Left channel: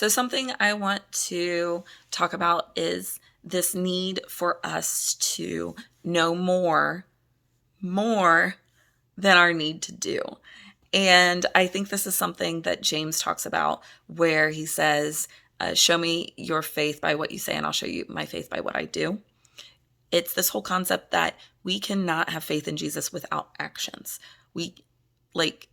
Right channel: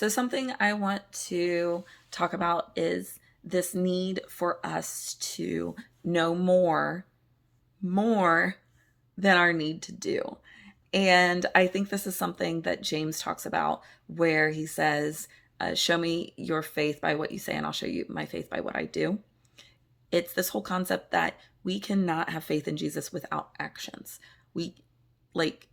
So something I want to talk about is this need for us to know more than our need to do. And I think this is something that James talks about where he says, show me your faith by what you say, and I'll show you my faith by what I do. It's this whole concept that we cannot have faith in Jesus without actions. We, like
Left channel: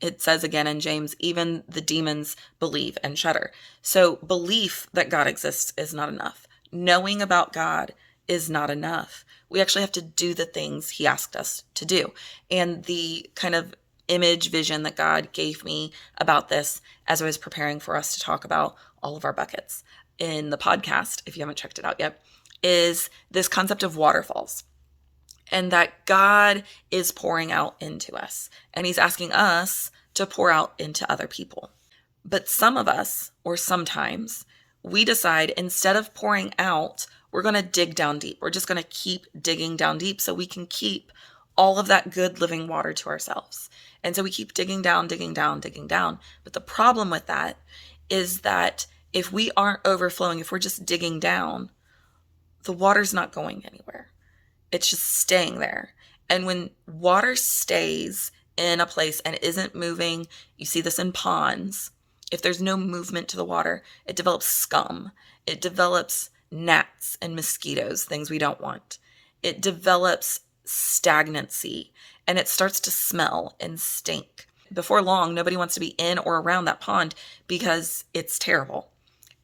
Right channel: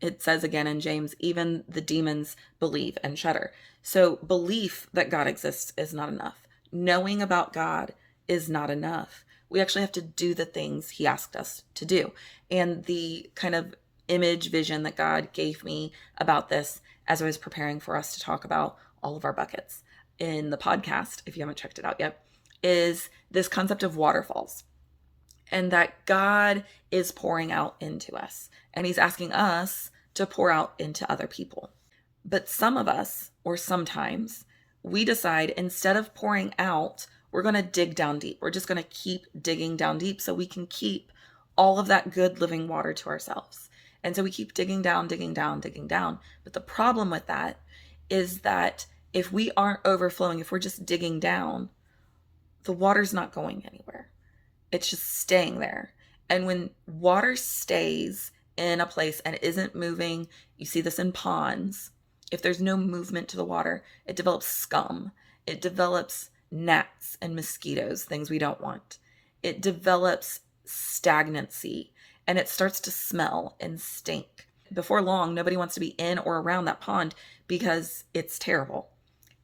it says again in James, even the demons believe and shudder. So belief that God exists is not enough. Knowing about God is not enough. We actually have to do the things he asked us to do. And the kind of image vision that God gave me about this as I was preparing for us to talk about all of our buckets in the podcast, if you haven't checked it out yet, is this concept of waterfalls, and that God is pouring out into us and he's asking us to pour out into other people. But some of us, or sometimes, we decide instead of pouring out, we're going to dig down deep. We're just going to keep digging down deep so we can keep all of that good living water to ourselves. And so we keep digging down, digging down, digging down. But the problem with that is that if we aren't overflowing, if we're just digging down, the water's not going anywhere. It's just staying there. And when water stays in a place and isn't moving, you see this in ponds. If there's no movement to the water, it develops scum. It develops gnats and mosquitoes, things we don't want. It develops stagnancy and it starts to smell and stink. Before long, nobody wants to be in or around that pond because it's terrible.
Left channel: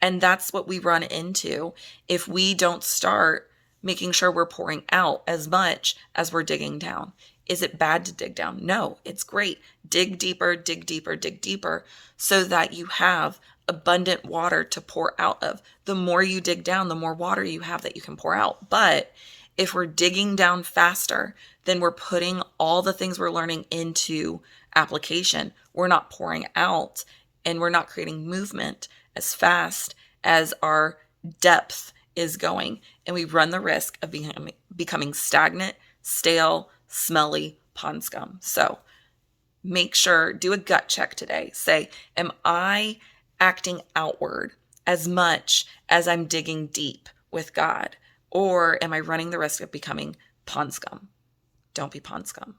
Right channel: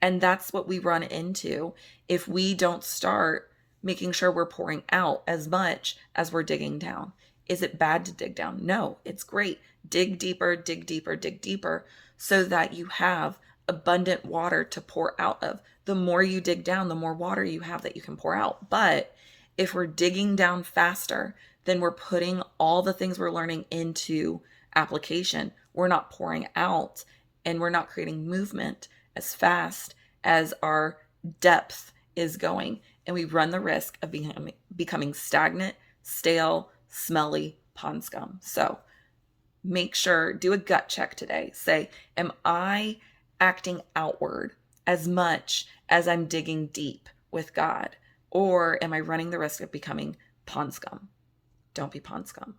And that's what we run into if we don't start making sure we're pouring out as much as we're digging down. Is it bad to dig down? No, it's great. Dig deeper, dig deeper, dig deeper so that you have abundant water to pour out of. The more you dig down, the more water you have that you can pour out. But if we're digging down faster, then we're putting all the things we're learning into application. We're not pouring out and we're not creating movement as fast as our depth is going. And we run the risk of becoming stagnant, stale, smelly pond scum. So make sure, do a gut check today. Say, am I acting outward as much as I'm digging deep with God? Or am I running the risk of becoming pond scum? Don't be pond scum.